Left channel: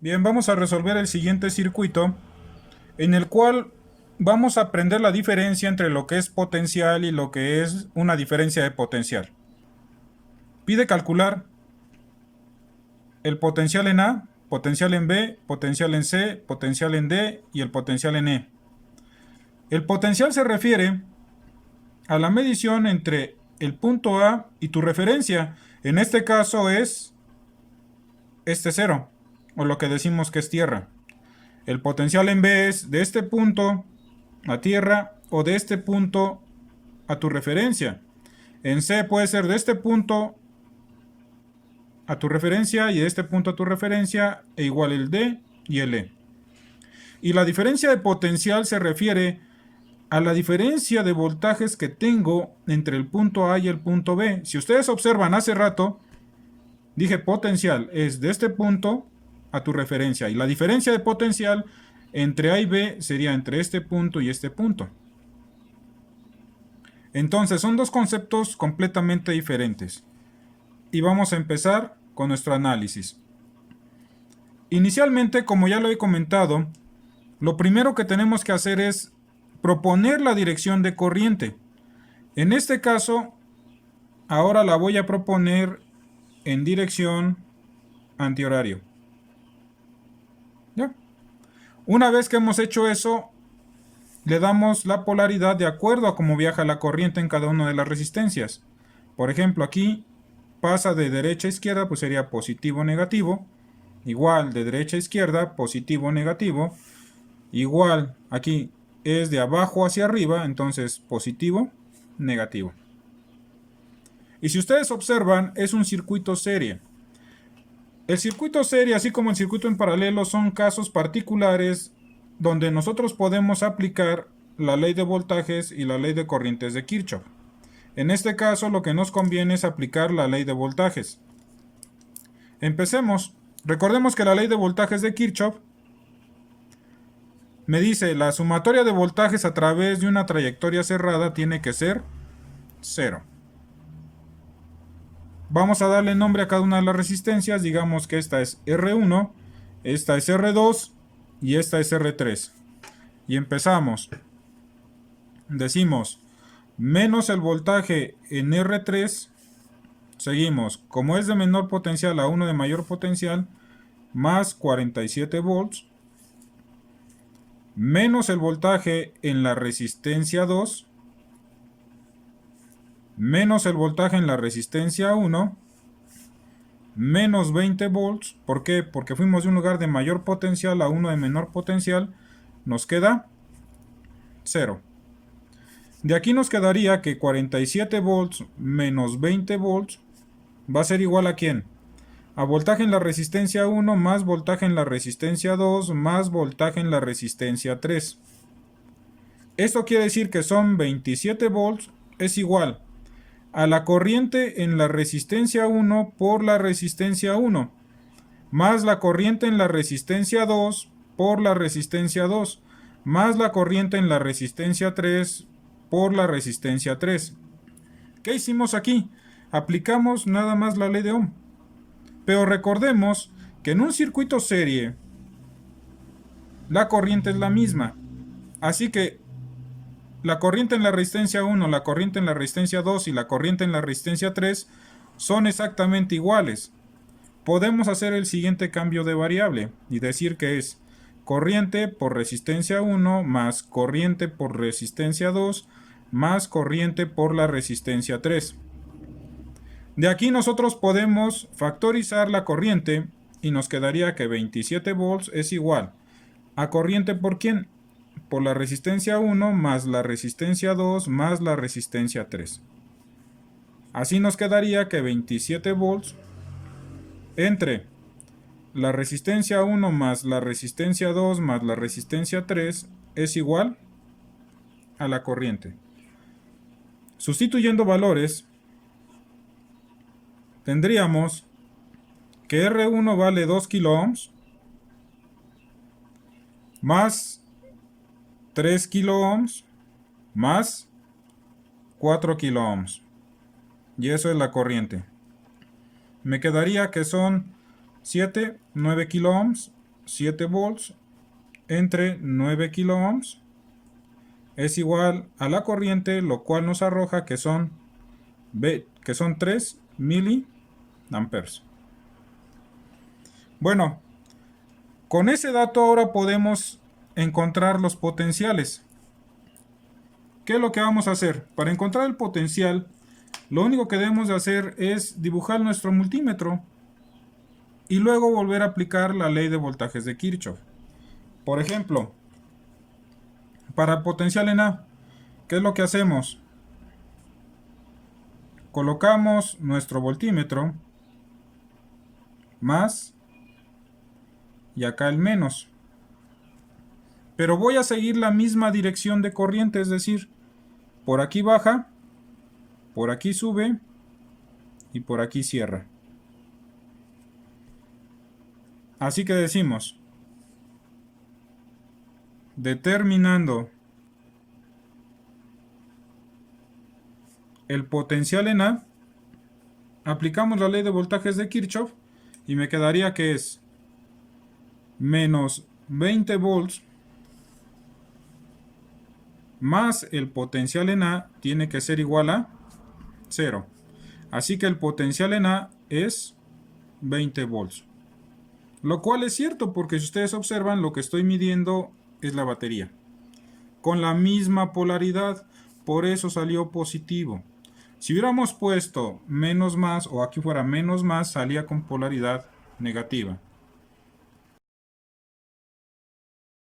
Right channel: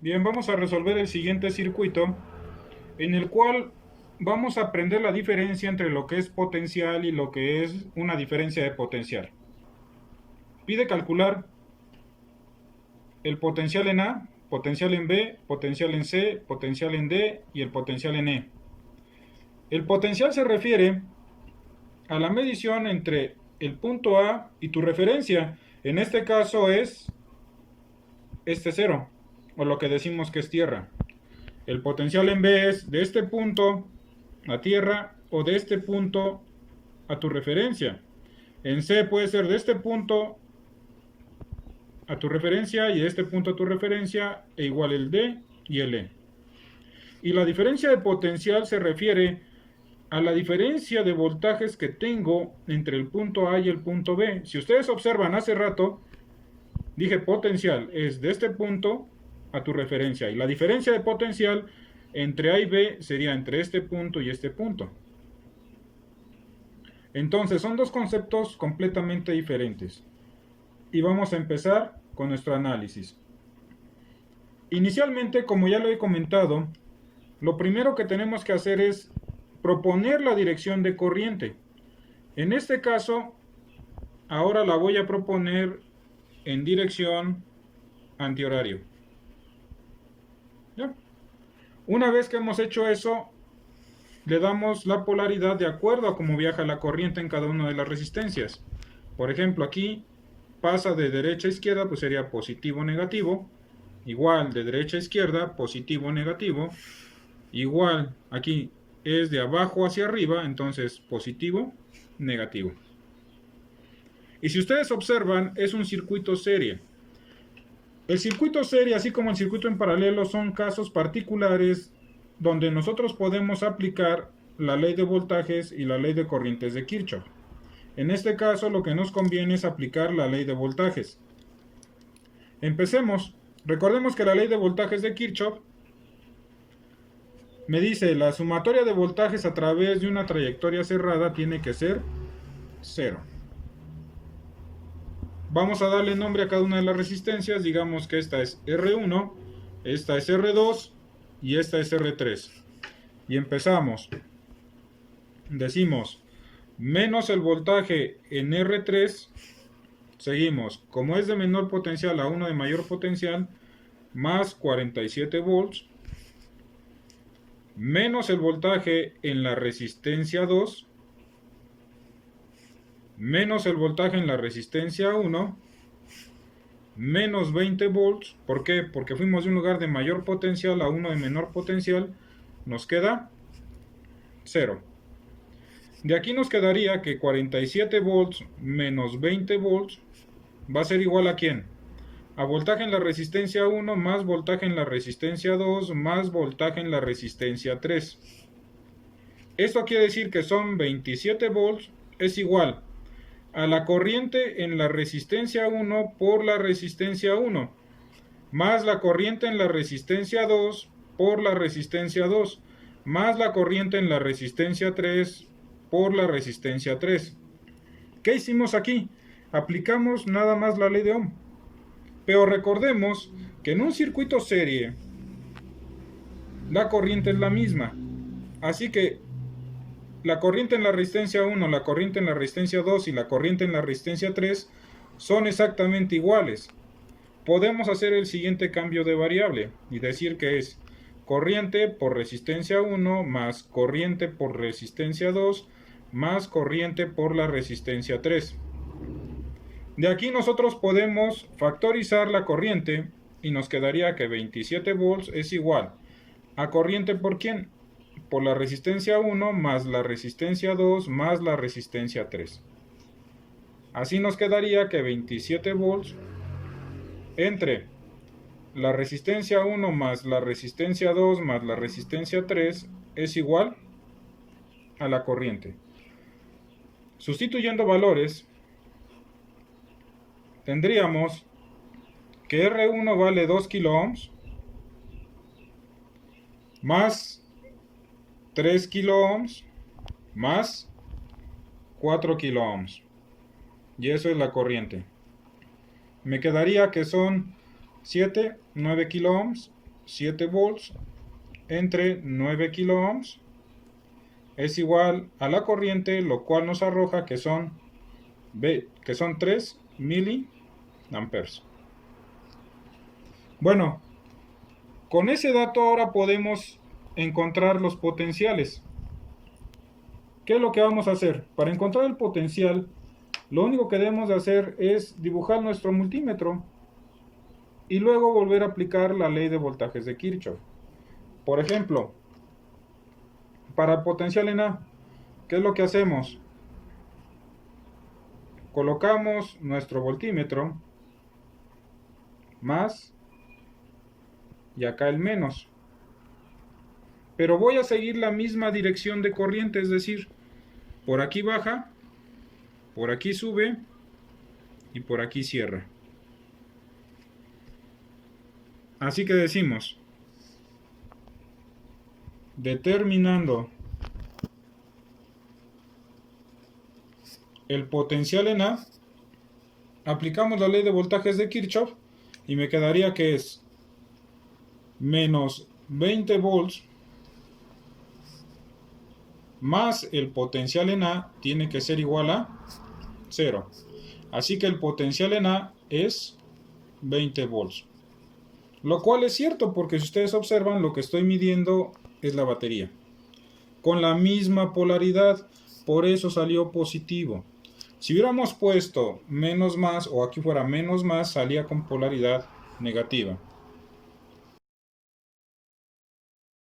Bien, vamos a resolver el siguiente circuito en el cual vamos a aprender la diferencia entre lo que es potencial y lo que es una diferencia de potencial. Pide calcular el potencial en A, potencial en B, potencial en C, potencial en D y el potencial en E. El potencial se refiere a la medición entre el punto A y tu referencia. En este caso es este cero, o lo que decimos que es tierra. El potencial en B es de este punto a tierra o de este punto a tu referencia. En C puede ser de este punto a tu referencia y de este punto a tu referencia e igual el D y el E. Y la diferencia de potencial se refiere a la diferencia de voltajes que tengo entre el punto A y el punto B. Si ustedes observan hace rato, dije potencial es de este punto a tu referencia. Y la diferencia de potencial entre A y B sería entre este punto y este punto. Entonces son dos conceptos completamente diferentes. Y vamos a empezar con nuestro análisis. Inicialmente, como ya lo he comentado, lo primero que tenemos que hacer es proponer la dirección de corriente. En este caso, ahora la voy a proponer en dirección antihorario. ¿Ya? Una vez que hemos hecho eso, le damos la polaridad de acuerdo a cómo viaja la corriente en cada una de las resistencias. Por ejemplo, aquí pasa de derecha a izquierda, pues sería positivo o negativo. Igual de derecha a izquierda, positivo o negativo. Igual aquí es de abajo hacia arriba, entonces positivo, negativo. Y si ustedes observan, es un circuito serie. El circuito serie, así como el circuito en paralelo, son casos particulares donde nosotros podemos aplicar la ley de voltajes y la ley de corrientes de Kirchhoff. En este caso, lo que nos conviene es aplicar la ley de voltajes. Empecemos. Recordemos que la ley de voltajes de Kirchhoff me dice la sumatoria de voltajes a través de una trayectoria cerrada tiene que ser 0. Vamos a darle nombre a cada una de las resistencias. Digamos que esta es R1, esta es R2 y esta es R3. Y empezamos. Decimos menos el voltaje en R3. Seguimos. Como es de menor potencial a uno de mayor potencial, más 47 volts. Menos el voltaje en la resistencia 2. Menos el voltaje en la resistencia 1, menos 20 volts. ¿Por qué? Porque fuimos de un lugar de mayor potencial a uno de menor potencial. Nos queda 0. De aquí nos quedaría que 47 volts menos 20 volts va a ser igual a ¿quién? A voltaje en la resistencia 1 más voltaje en la resistencia 2 más voltaje en la resistencia 3. Esto quiere decir que son 27 volts es igual a la corriente en la resistencia 1 por la resistencia 1, más la corriente en la resistencia 2 por la resistencia 2, más la corriente en la resistencia 3 por la resistencia 3. ¿Qué hicimos aquí? Aplicamos nada más la ley de Ohm. Pero recordemos que en un circuito serie la corriente es la misma. Así que la corriente en la resistencia 1, la corriente en la resistencia 2 y la corriente en la resistencia 3 son exactamente iguales. Podemos hacer el siguiente cambio de variable y decir que es corriente por resistencia 1 más corriente por resistencia 2 más corriente por la resistencia 3. De aquí nosotros podemos factorizar la corriente y nos quedaría que 27 volts es igual a corriente por ¿quién? Por la resistencia 1 más la resistencia 2 más la resistencia 3. Así nos quedaría que 27 volts entre la resistencia 1 más la resistencia 2 más la resistencia 3 es igual a la corriente. Sustituyendo valores, tendríamos que R1 vale 2 kiloohms más 3 kiloohms más 4 kiloohms. Y eso es la corriente. Me quedaría que son 7, 9 kiloohms 7 volts entre 9 kiloohms es igual a la corriente, lo cual nos arroja que son 3 miliamperes. Bueno, con ese dato ahora podemos encontrar los potenciales. ¿Qué es lo que vamos a hacer? Para encontrar el potencial, lo único que debemos de hacer es dibujar nuestro multímetro y luego volver a aplicar la ley de voltajes de Kirchhoff. Por ejemplo, para el potencial en A, ¿qué es lo que hacemos? Colocamos nuestro voltímetro más y acá el menos. Pero voy a seguir la misma dirección de corriente, es decir, por aquí baja, por aquí sube y por aquí cierra. Así que decimos, determinando el potencial en A, aplicamos la ley de voltajes de Kirchhoff y me quedaría que es menos 20 volts más el potencial en A tiene que ser igual a 0. Así que el potencial en A es 20 volts. Lo cual es cierto porque si ustedes observan lo que estoy midiendo es la batería. Con la misma polaridad, por eso salió positivo. Si hubiéramos puesto menos más o aquí fuera menos más, salía con polaridad negativa.